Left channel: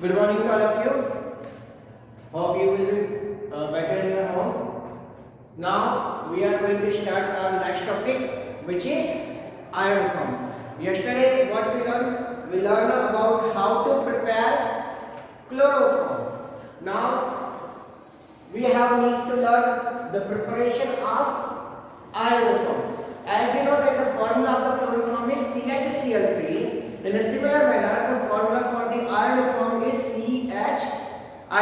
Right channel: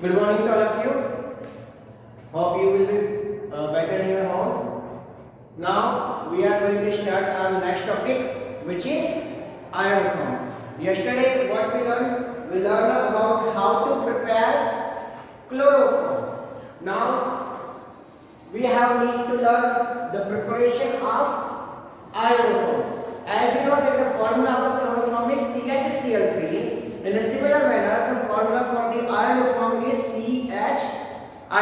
Good morning to all of you. Hope you will be better in your home. Now we are going to start our next topic, which is iodoform. Yesterday what we learned? We learned about how to prepare chloroform. Now we have need to learn the preparation of iodoform. As you know that the formula of the chloroform is CHCl3. In a similar manner, the formula for the iodoform is CHI3.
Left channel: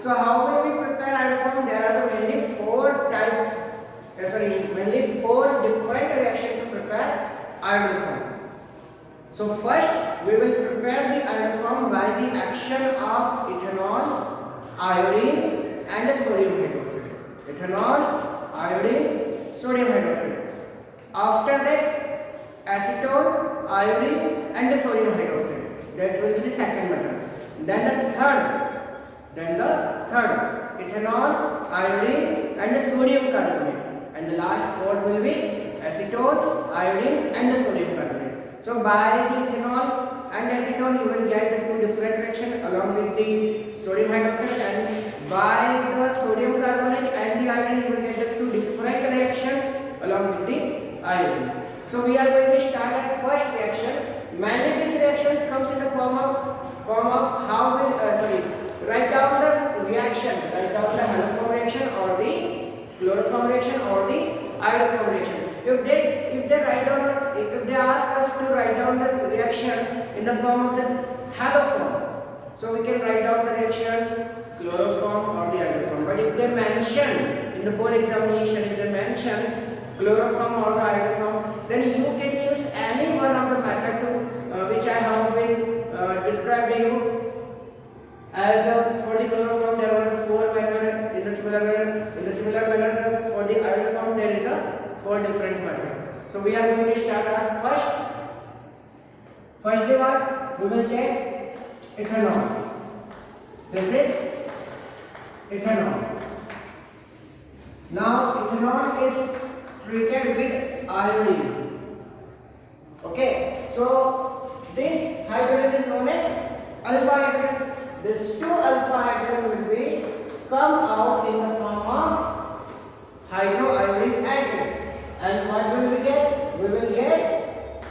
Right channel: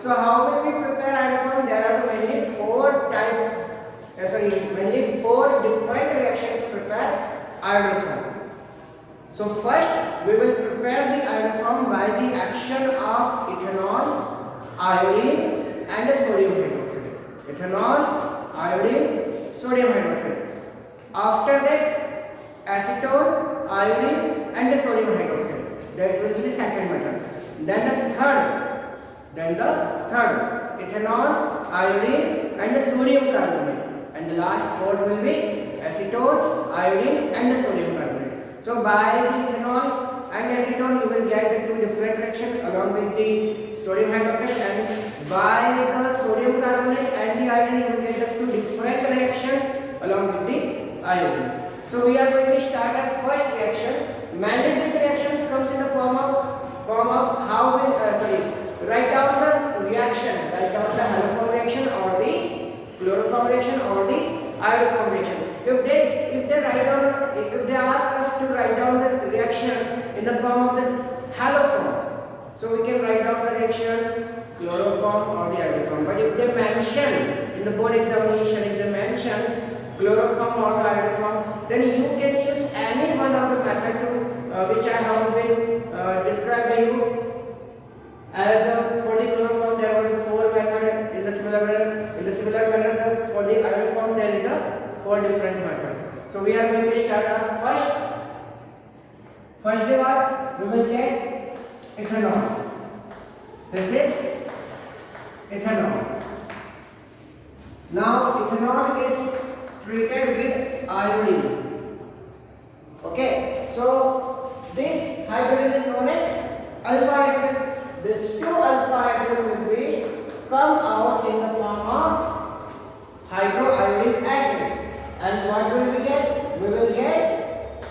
So how will we prepare iodoform? There are mainly mainly four different reactions to prepare iodoform. So first, we will prepare the iodoform by the action of ethanol, iodine, and sodium hydroxide. Ethanol, iodine, sodium hydroxide. After that, acetone, iodine, and sodium hydroxide. That will be the second method. Then the third, ethanol, iodine, and sodium carbonate. And the last fourth will be acetone, iodine, and sodium carbonate. So by the ethanol and acetone, you will get the two different reactions along with the sodium hydroxide, and by the sodium carbonate and the iodine, you will get the two different reactions along with the iodine. So we are going to start our first reaction. Mainly these reactions comes in the form of how we write down the reaction, write down the haloform reaction or the chloroform reaction or the iodoform reaction. If they ask us to write down the reaction in the form of the haloform, so we can write down the reaction chloroform or the iodoform. But if they mention in the board examination, if they mention chloroform or the iodoform, then you can choose any one of the method to which I have been described to you. As for the chloroform, there were the four methods. In the similar manner, for the iodoform, there is the four different methods. So we are going to start our first part. We will take ethanol. This is ethanol. Now ethanol is treated with iodine. Okay, so this hydrogen is known as alpha hydrogen. This two alpha hydrogen will be come out in the form of hydroiodic acid. And what will we get? We will get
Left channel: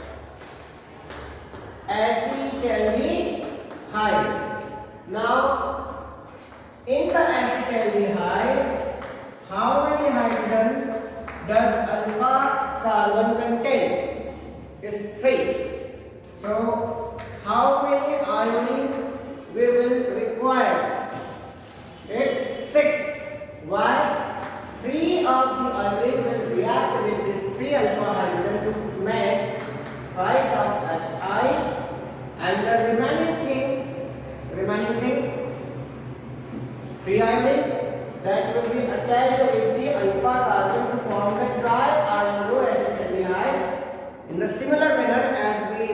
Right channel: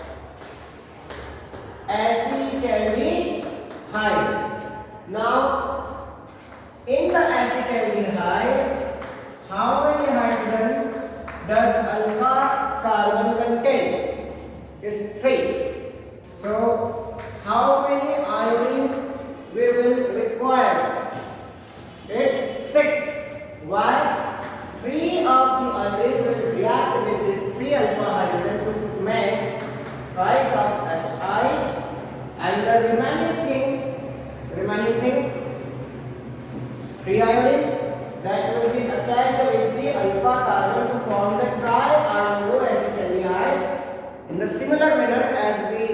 acetaldehyde. Now, in the acetaldehyde, how many hydrogen does alpha carbon contain? Is 3. So how many iodine we will require? It's 6. Why? 3 of the iodine will react with this 3 alpha hydrogen to make twice of Hi, and the remaining thing 3 iodine that will be attached with the alpha carbon to form the triiodoacetaldehyde in the similar manner as we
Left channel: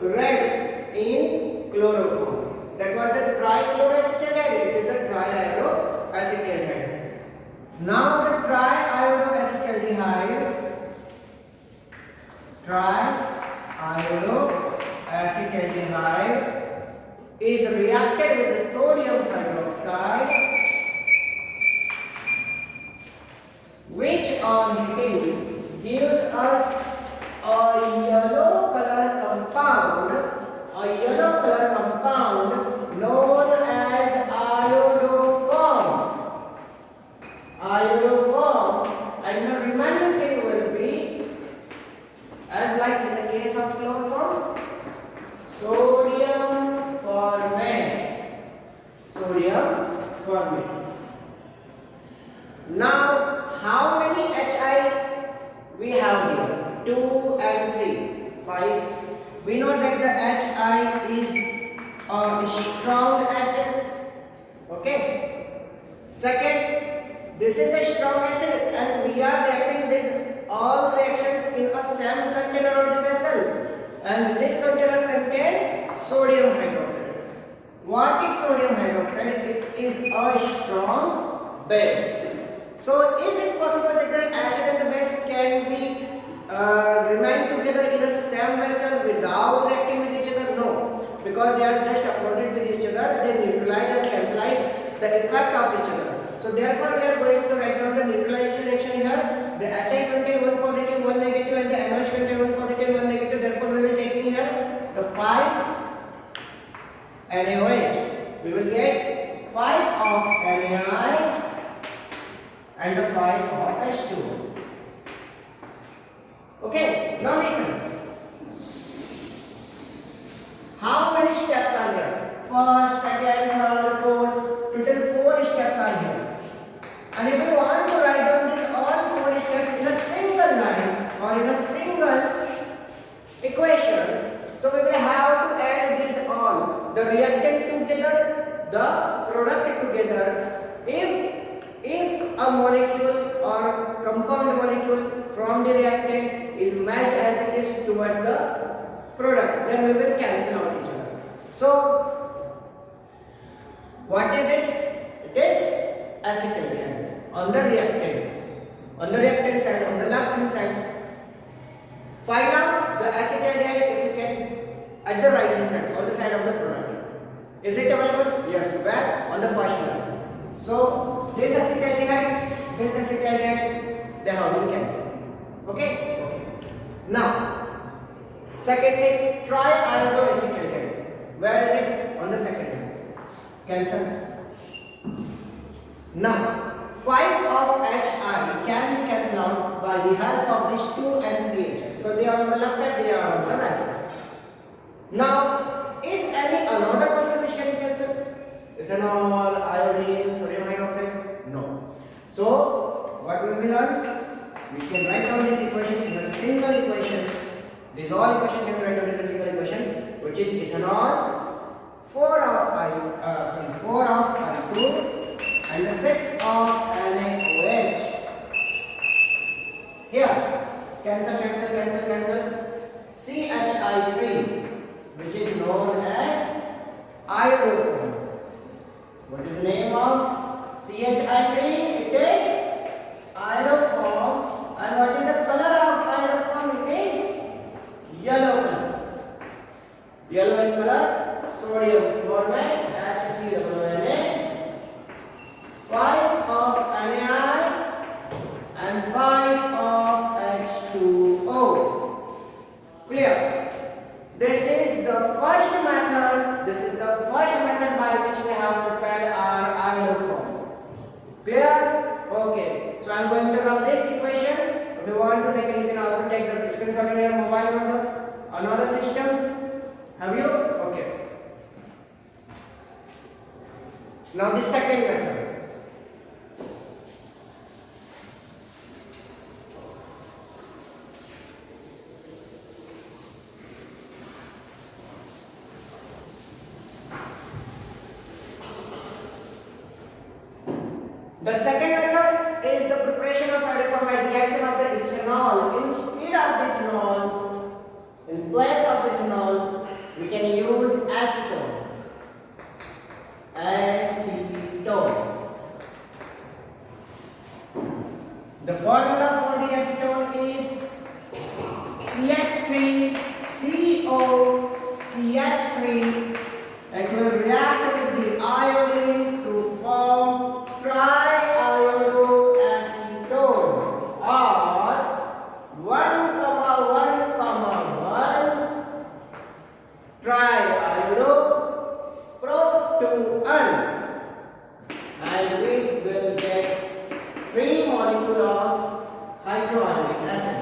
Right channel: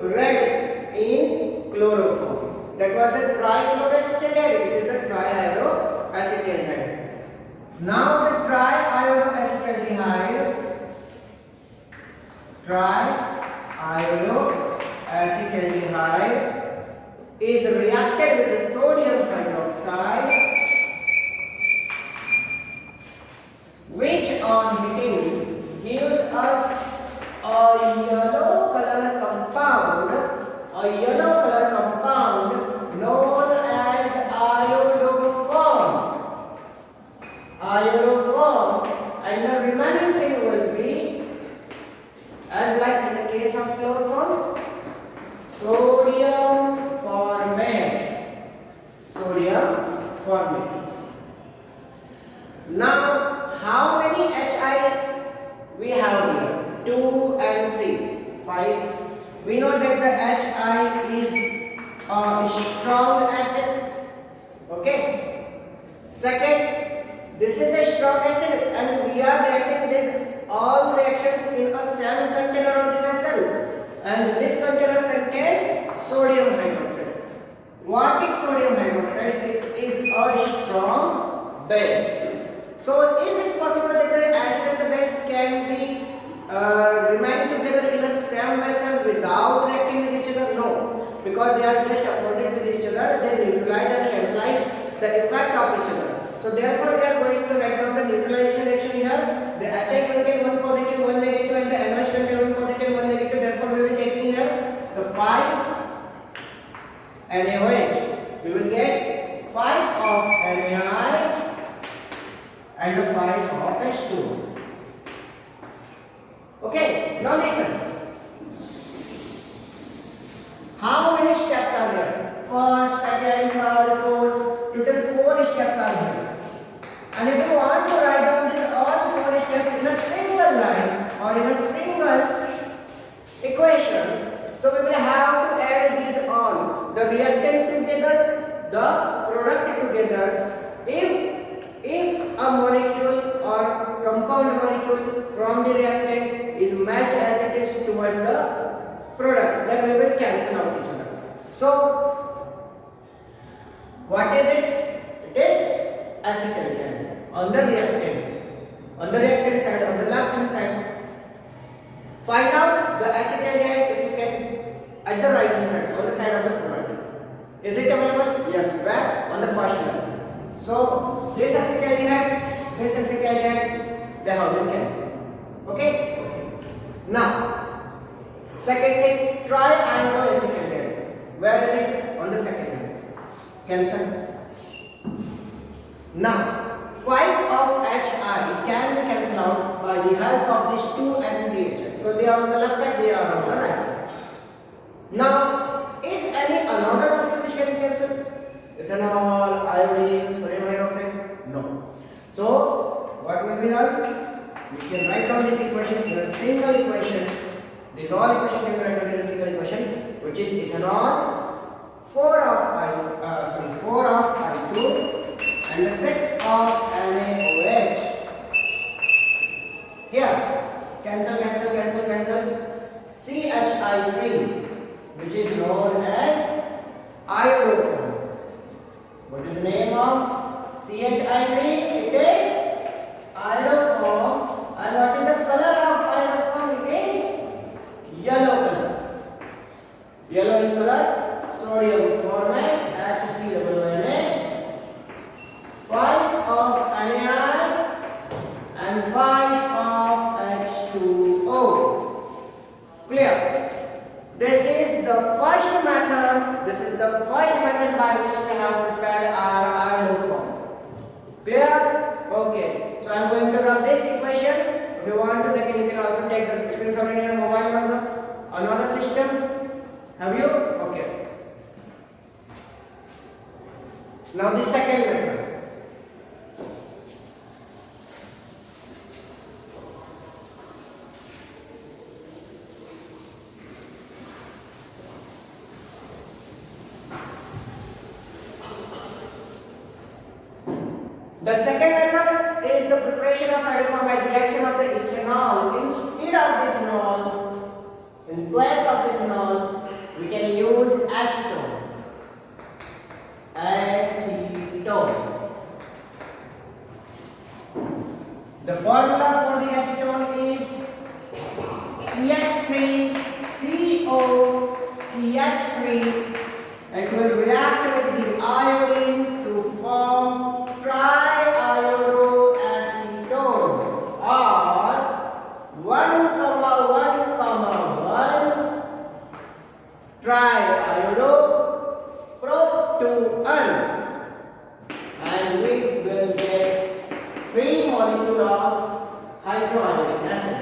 read in chloroform. That was the triiodoacetaldehyde. It is the triiodoacetaldehyde. Now the triiodoacetaldehyde is reacted with the sodium hydroxide, which on heating gives us a yellow color compound known as iodoform. And the remaining thing will be, as like in the case of chloroform, sodium formate. Now, how many Hi we have here? 2 and 3, 5. We know that the Hi is a strong acid. Okay. Second, this is a strong acid, and we are reacting this all reactions in a same container of the vessel, and this container contains sodium hydroxide. What is sodium hydroxide? It is a strong base. So is it possible that the acid and the base can be remain together in the same vessel without reacting with each other? No, because they are just opposite with each each other, they neutralize and cancelize the effect of each other. So therefore we are going to write down the neutralization reaction here. The HI contain one positive, one negative, and the NH contain one positive, one negative. Therefore we will take in here the 5 NaOH. We will get 5 of NaI and the 5 of H2. Okay, now listen. How many steps are there? First, second, third, fourth. Total 4 steps are here. And if you want to write down these all 4 steps in a single line or in a single equation, so we will have to add these all, the reactant together, the product together. If a molecule or compound molecule from the reactant is matched as it is towards the product, then we will cancel out each other. So what is it? It is acetaldehyde on the reactant side, on the left hand side. Find out the acetaldehyde if you can at the right hand side, on the side of the product. Is it available? Yes. Where? On the first level. So this acetaldehyde, they have been cancelled. Okay? Now, second thing, triiodoacetaldehyde. Where is it? On the second level. Cancel. Now, 5 of HI can be cancelled out by the help of these 2 NaDH. Because they are on the left side, they are on the right side. Now, is any another molecule which can be cancelled? Ethanol, iodine, sodium hydroxide? No. So, what will be done? We can write down this equation in a single equation. This all equation can be written in a single equation, which is ethanol 4 of I2 and the 6 of NaOH. Here, cancel. CHI3, which is known as iodoform. What is the name of CHI3? It is iodoform. And what is the color of iodoform? It is yellow color. Yellow in color. Sodium formate HCOONA. 5 of NaI and 5 of H2O. Clear? This is the first method. By which we have prepared our iodoform. Clear? Okay. So I am going to run this equation. If you want to, then you can also take the screenshot in your mobile number. Another system. Have you? Okay. Now the second method. The second method is the preparation of iodoform by the action of the ethanol. Instead of the ethanol, in place of the ethanol, we can use acetone. The formula for the acetone is CH3COCH3, and it will react with the iodine to form triiodoacetone, or 1,1,1 triiodopropanone, and we will get 3 molecules of hydroiodic acid.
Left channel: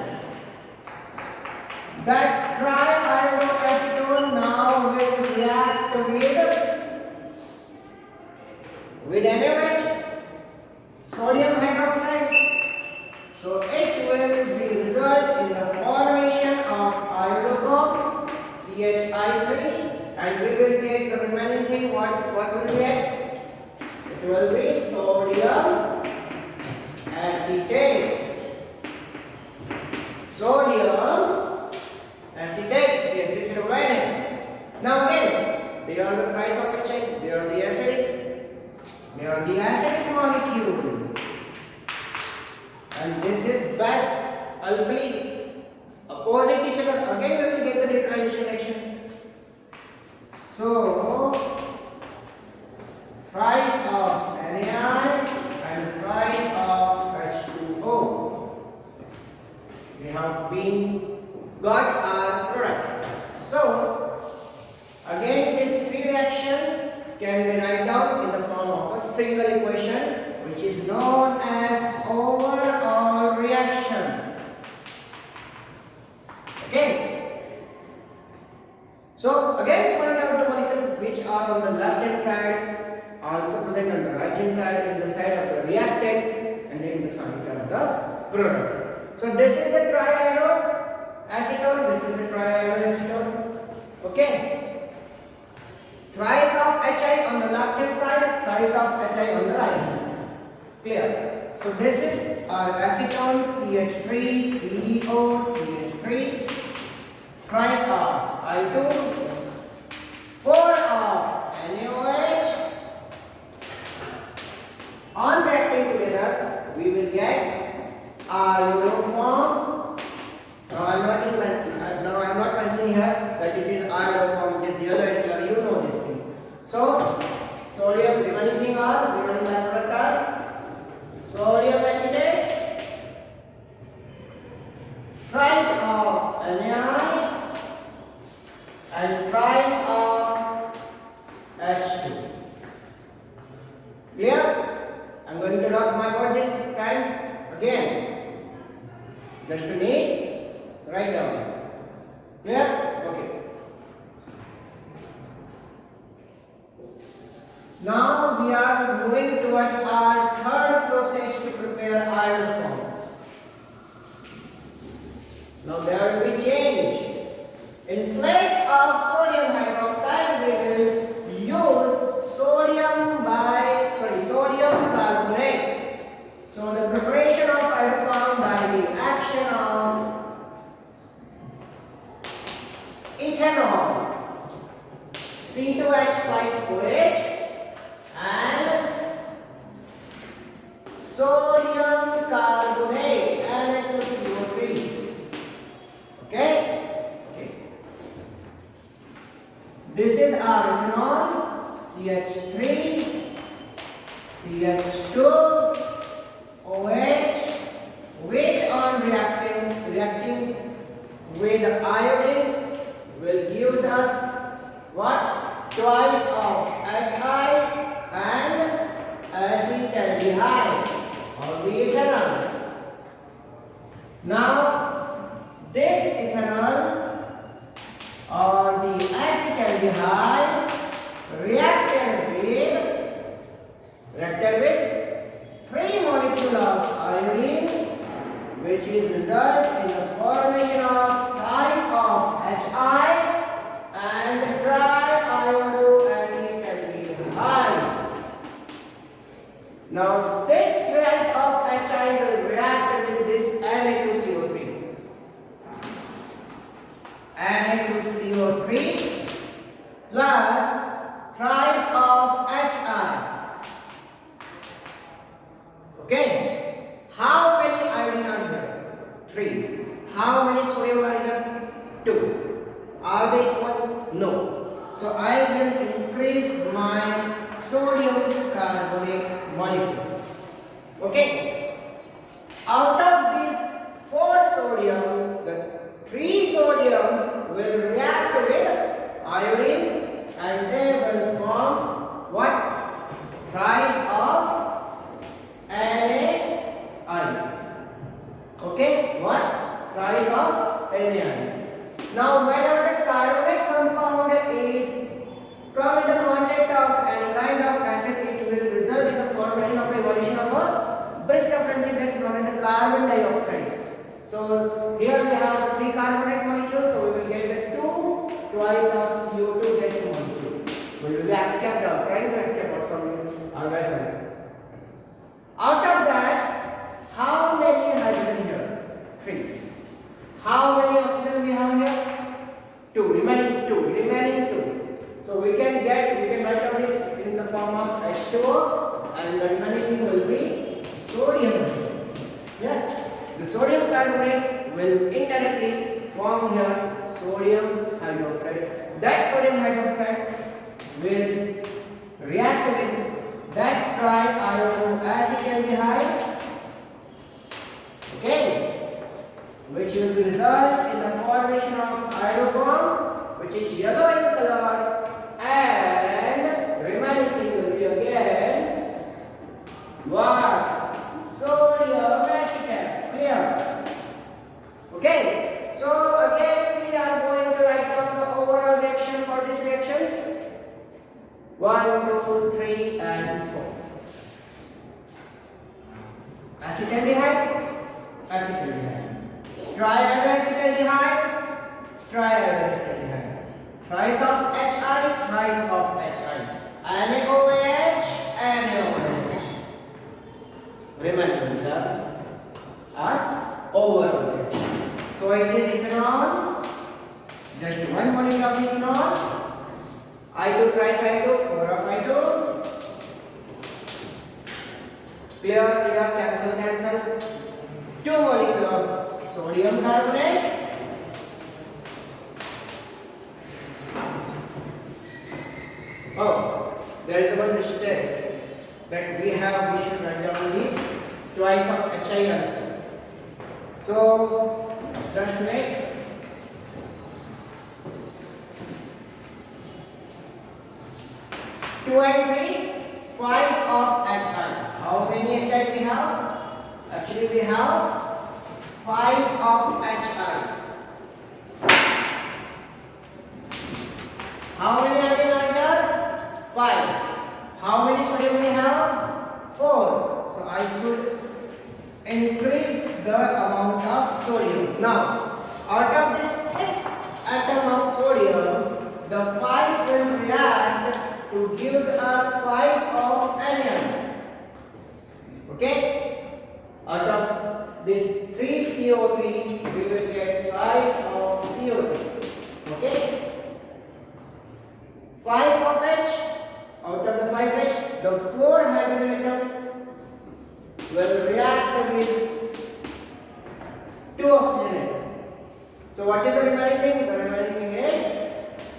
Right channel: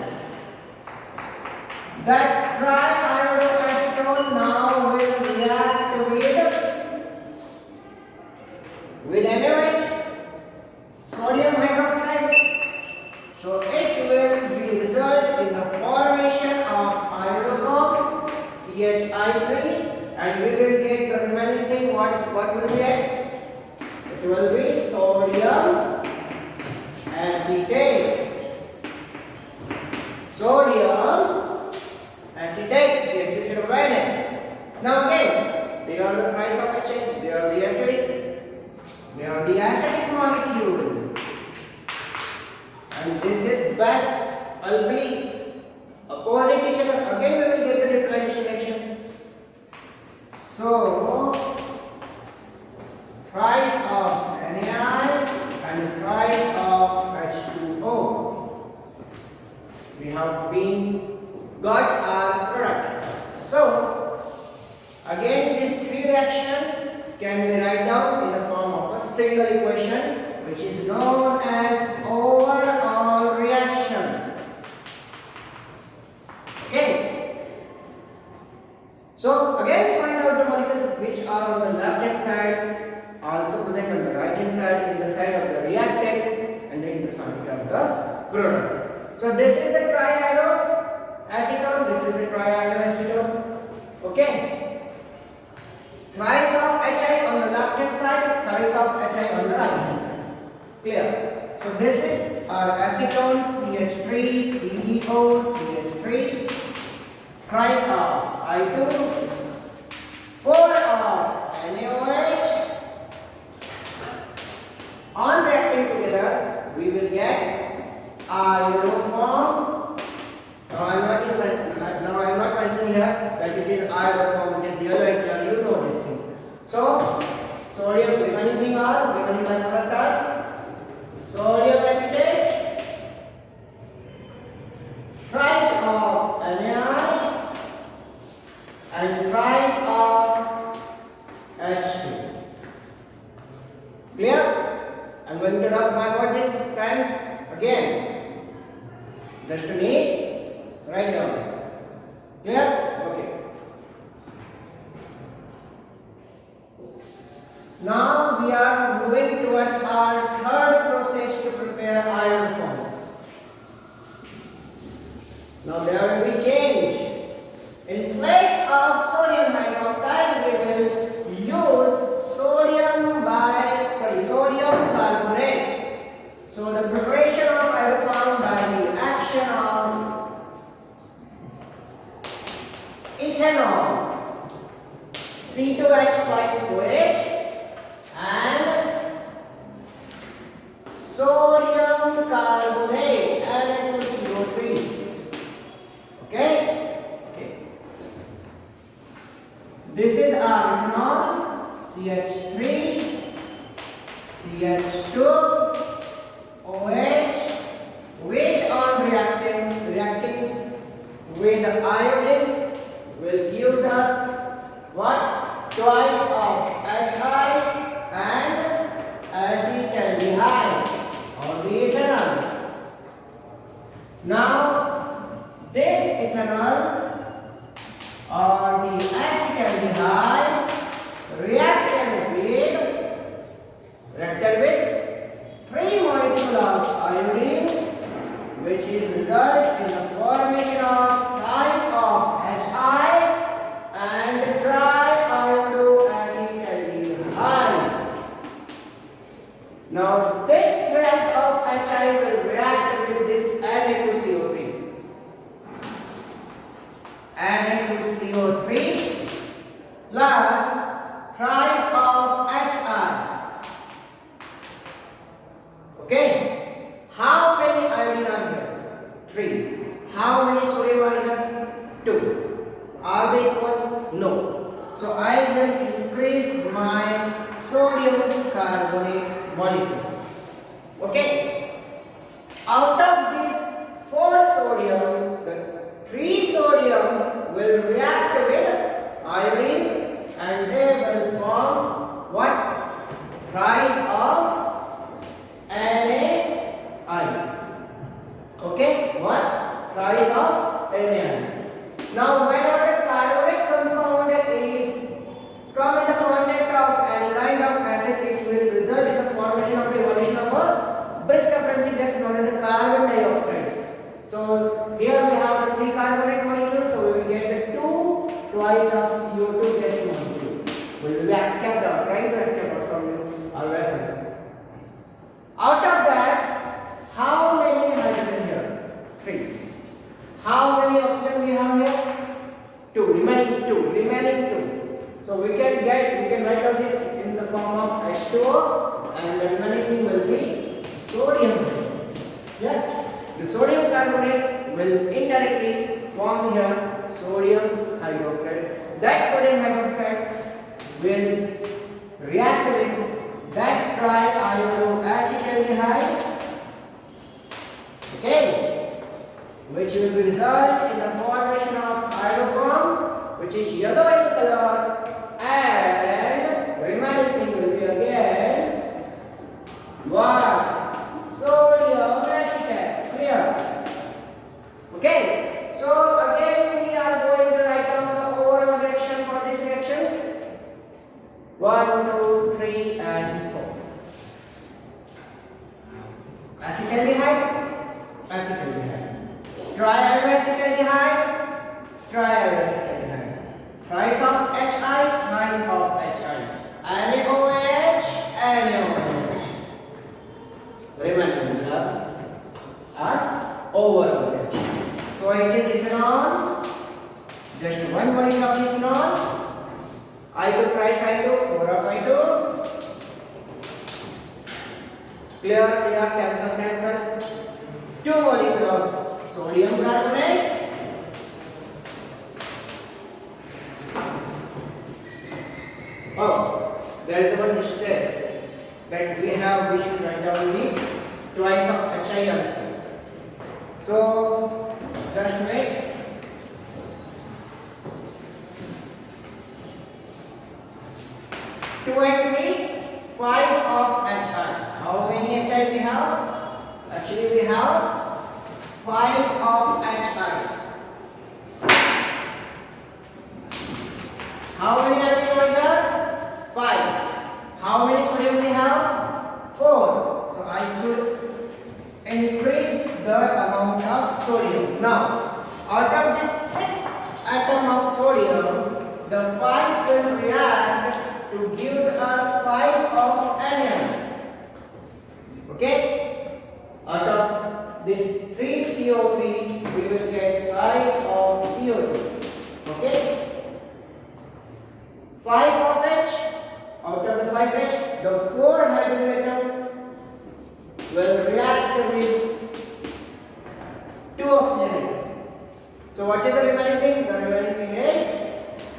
That triiodoacetone now will react with NaOH, sodium hydroxide. So it will be result in the formation of iodoform CHI3, and we will get the remaining thing. What will we get? It will be sodium acetate. CH3COONA. Now again, they are the thrice of HA. They are the acidic. They are the acidic molecule. And this is base alkali. Opposite each other. Again we will get the neutralization reaction. So thrice of NaI and thrice of H2O. We have been got our product. So again this three reaction can be written down in the form of a single equation, which is known as overall reaction. Okay. So again find out the molecules which are on the left hand side, also present on the right hand side, in the side of the reactant and in the side of the product. So this is the triiodoacetone, this is the triiodoacetone. Okay. Thrice of Hi on the left hand side, thrice of Hi on the right hand side. Clear? So this is our acetone CH3 CEO CH3, thrice of I2, 4 of NaOH. On reacting together, we will get iodoform. Now I'm not mentioning here that it is iodoform. It is yellow in color. You know this thing. So sodium remaining thing are remaining byproduct are sodium acetate, thrice of NaI and thrice of H2. Clear? I'm going to mark about this pen again. Just to need write down. Clear? Okay. Now we are moving towards our third process to prepare iodoform. Now there will be change. In place of sodium hydroxide, we will use sodium carbonate. So the preparation of iodoform by the action of ethanol, C2H5OH, and sodium carbonate, Na2CO3. Okay? This is our ethanol, CH3, CH2, OH, which on reacting with iodine will give us what? Twice of Hi and acetaldehyde or the ethanol. Now this ethanol or the acetaldehyde reacted with 3 molecules of iodine, which is result in the formation of thrice of Hi and triiodoacetaldehyde. Now this thrice of Hi will react with this Na2CO3. Na2CO3 plus thrice of Hi. Okay. How many iodine are here? 3. How many sodium are here? 2. Are they equal? No. So I will increase my sodium carbonate molecule. Okay. Out of these 4 sodium, the 3 sodium will react with iodine and they will form what? Thrice of NaI. Okay? What? Thrice of NaI. Now whenever the carbonate compound is come in the contact of any kind of acid, it will result in the formation of the evolution of a brisk friendship gas known as the carbon dioxide. So here we have the 3 carbonate molecules, so we will get the 2 twice of CO2 gas molecule. We will be escaped out, trying to escape out from our vessel. Out of that, how many hydrogen here? 3. How many oxygen we have here? 2. Remaining 2. So we can write down this in the form of H2O, and the remaining thing will be sodium hydroxide. Yes, the sodium carbonate will indirectly form here sodium hydroxide. That sodium hydroxide will react with that triiodoacetaldehyde, okay, which will be result in the formation of iodoform, which is yellow in color, and remaining thing will be again what? Sodium acetate. Clear? Okay. So again we are going to write down the overall reaction for these reactions. 1, 2, 3, and 4. Acetaldehyde, acetaldehyde. Triiodoacetaldehyde, triiodoacetaldehyde. Thrice of HI, thrice of HI. NaOH, NaOH. Remember these are overall reaction. So it is ethanol, just one molecule of ethanol, I2 tricycle, 4 of I2. Clear, clear, cancel, cancel. 2 molecule of sodium carbonate. Oh, there is one mistake that we should write down this twice of HI also. So just make 2 and 3, 5 of HI. How many HI we have? Actually we have 5 of HI. How many are we here? 5. How many sodium we have? 4. So I should increase the amount of sodium. Now, out of this 6 atom of sodium, the 5 will react to give us 5 of anion. Okay? Out of this 3 CO3, we will get 5 of CO2. Okay? 5 of H, out of the 5H, the 4 hydrogen atom will react with 2 oxygen atom. So what is the remaining thing? The remaining thing is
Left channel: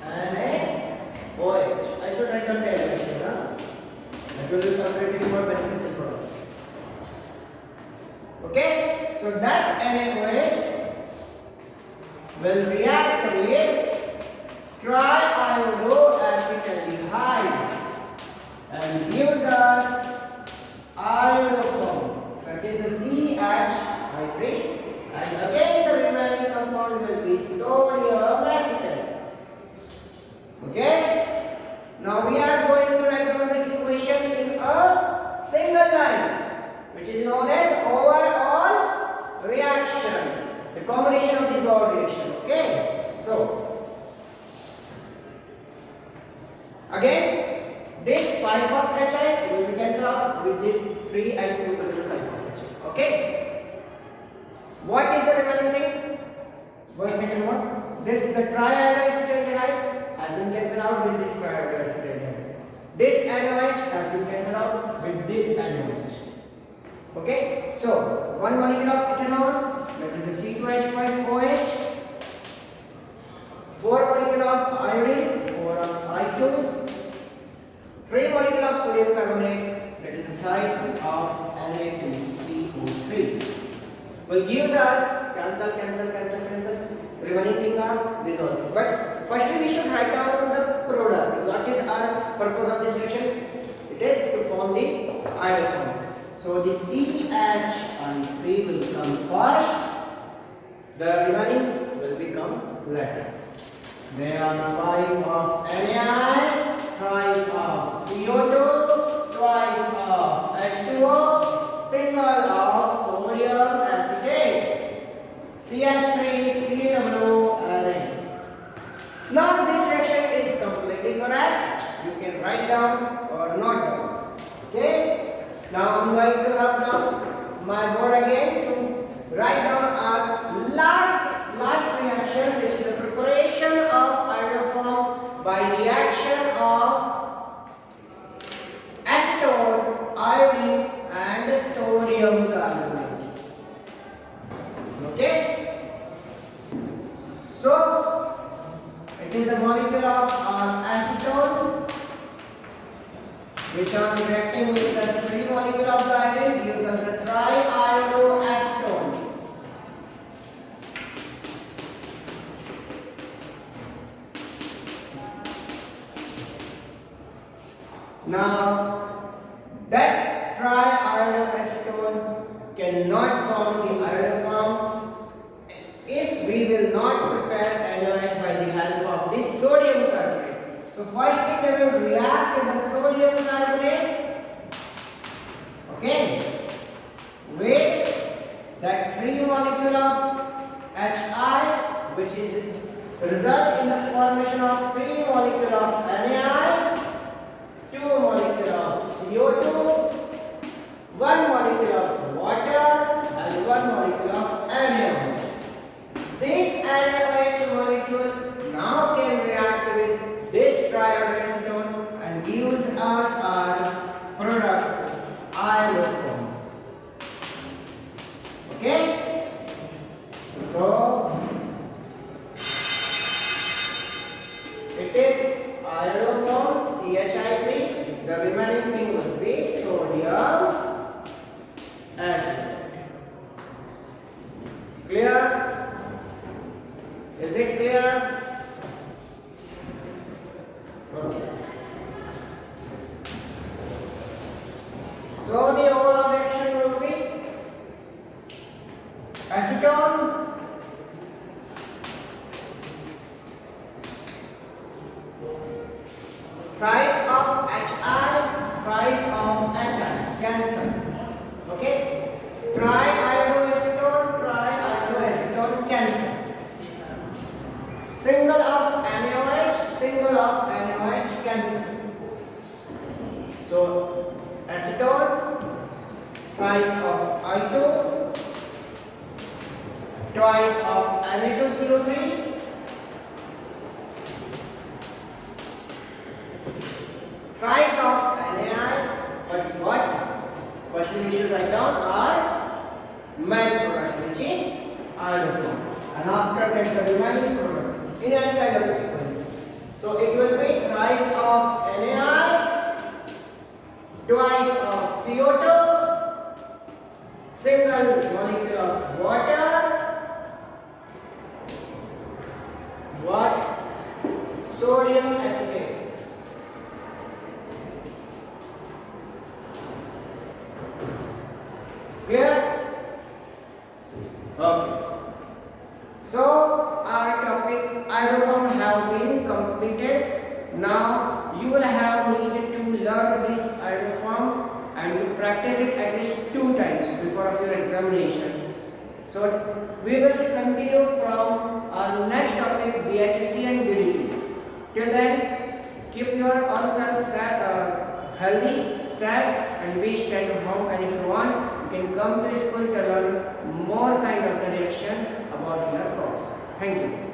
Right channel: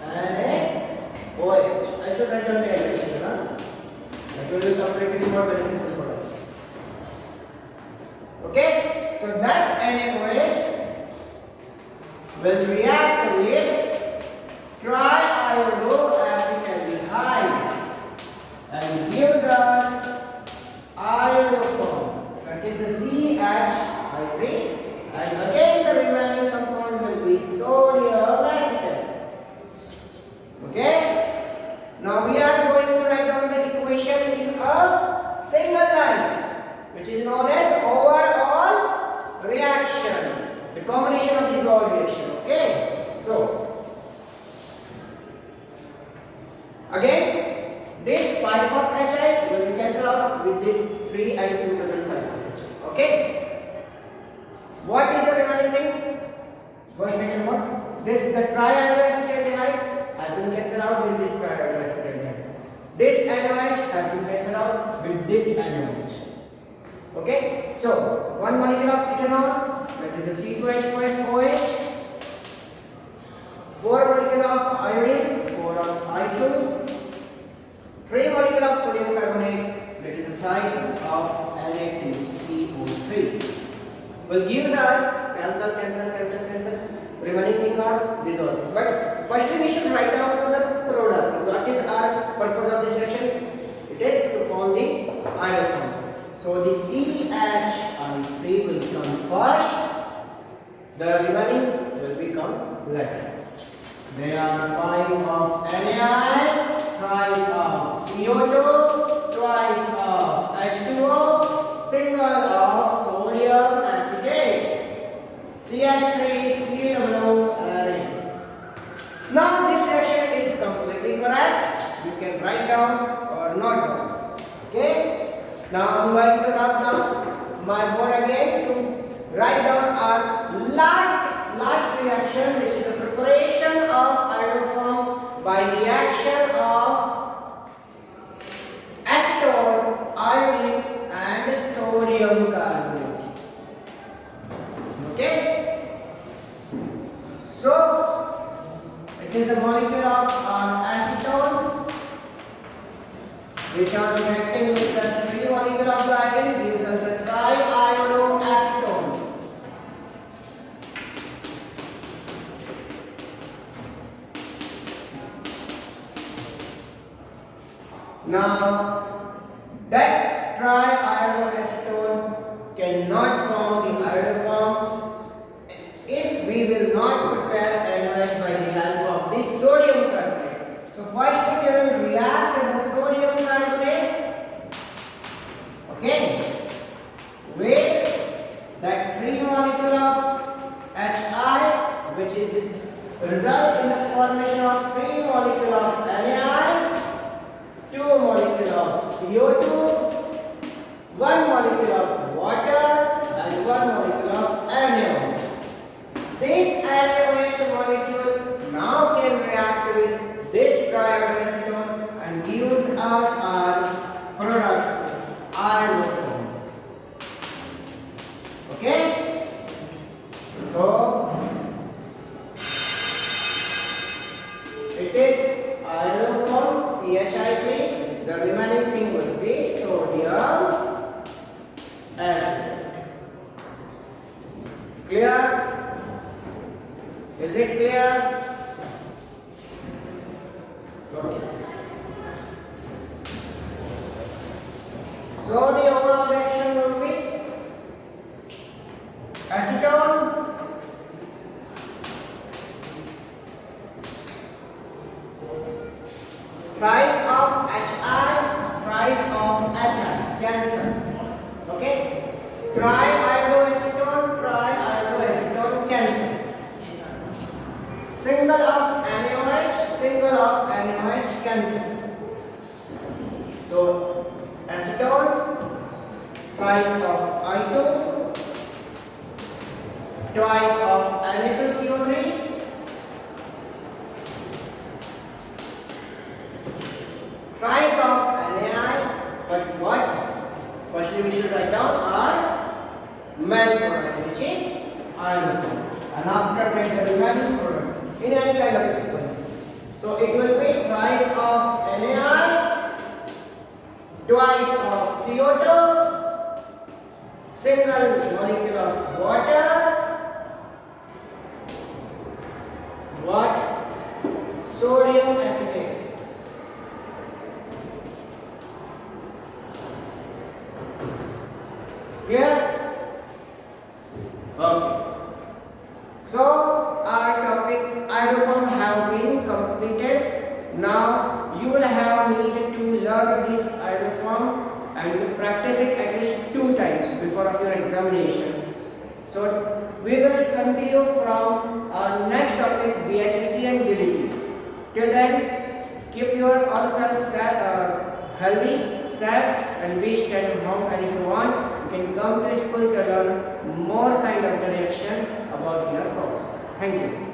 NaOH. I should write down the equation. That will be completely more beneficial for us. Okay? So that NaOH will react with triiodoacetaldehyde and gives us iodoform. That is the CH3, and again the remaining compound will be sodium acetate. Okay? Now we are going to write down the equation in a single line, which is known as overall reaction. The combination of these all reaction. Okay? So again, this 5 of HI will be cancelled out with this 3 and 2 total 5 of HI. Okay? What is the remaining thing? One second more. This the triiodoacetaldehyde has been cancelled out with this triiodoacetaldehyde. This NaOH has been cancelled out with this NaOH. Okay? So 1 molecule of ethanol, that is the C2H5OH. 4 molecule of iodine, 4 of I2. 3 molecule of sodium carbonate, that is the thrice of Na2CO3, will give us cancel. Remaining thing are these all. But firstly we should write down the product. What is our purpose of this reaction? It is to form the iodoform. So the CH3 will come first. The remaining will become later. There are 5 of Na, thrice of CO2, twice of H2O, single of sodium acetate, CH3, COOH. Now this reaction is completely correct. You can write down or not down. Okay? Now I'm going to write down my board again to write down our last reaction, which is the preparation of iodoform by the action of acetone, iodine and sodium carbonate. Okay? So it is the molecule of acetone, which are reacting with the 3 molecule of the iodine gives us the triiodoacetone. Now, that triiodoacetone cannot form the iodoform if we will not prepare NaOH by the help of this sodium carbonate. So first we will react with the sodium carbonate, okay, with that 3 molecule of Hi, which is result in the formation of 3 molecule of NaI, 2 molecule of CO2, 1 molecule of water and 1 molecule of anion. This NaOH molecule now can react with this triiodoacetone and gives us our product iodoform. Okay? So it is iodoform CHI3. The remaining thing will be sodium acid. Clear? Is it clear? Okay. So the overall reaction will be acetone price of Hi, price of Hi, cancel. Okay? Triiodoacetone, cancel. Single of NaOH, cancel. So acetone, twice of I2, twice of Na2CO3, twice of NaI, but what? Firstly we should write down our main product, which is iodoform, and after that the remaining product in any kind of sequence. So it will be twice of NaI, twice of CO2, single molecule of water, what? Sodium acetate. Clear? Okay. So our topic iodoform have been completed. Now you will have need to learn this iodoform and to practice it at least 2 times before of your examination. So we will continue from our next topic, BHC and DDT. Till then, keep your own self healthy, safe, and be stay at home. And if you want, you can come to school to learn more kind of the reaction about your course. Thank you.